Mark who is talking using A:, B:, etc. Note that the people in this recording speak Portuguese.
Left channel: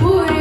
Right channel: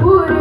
A: segura.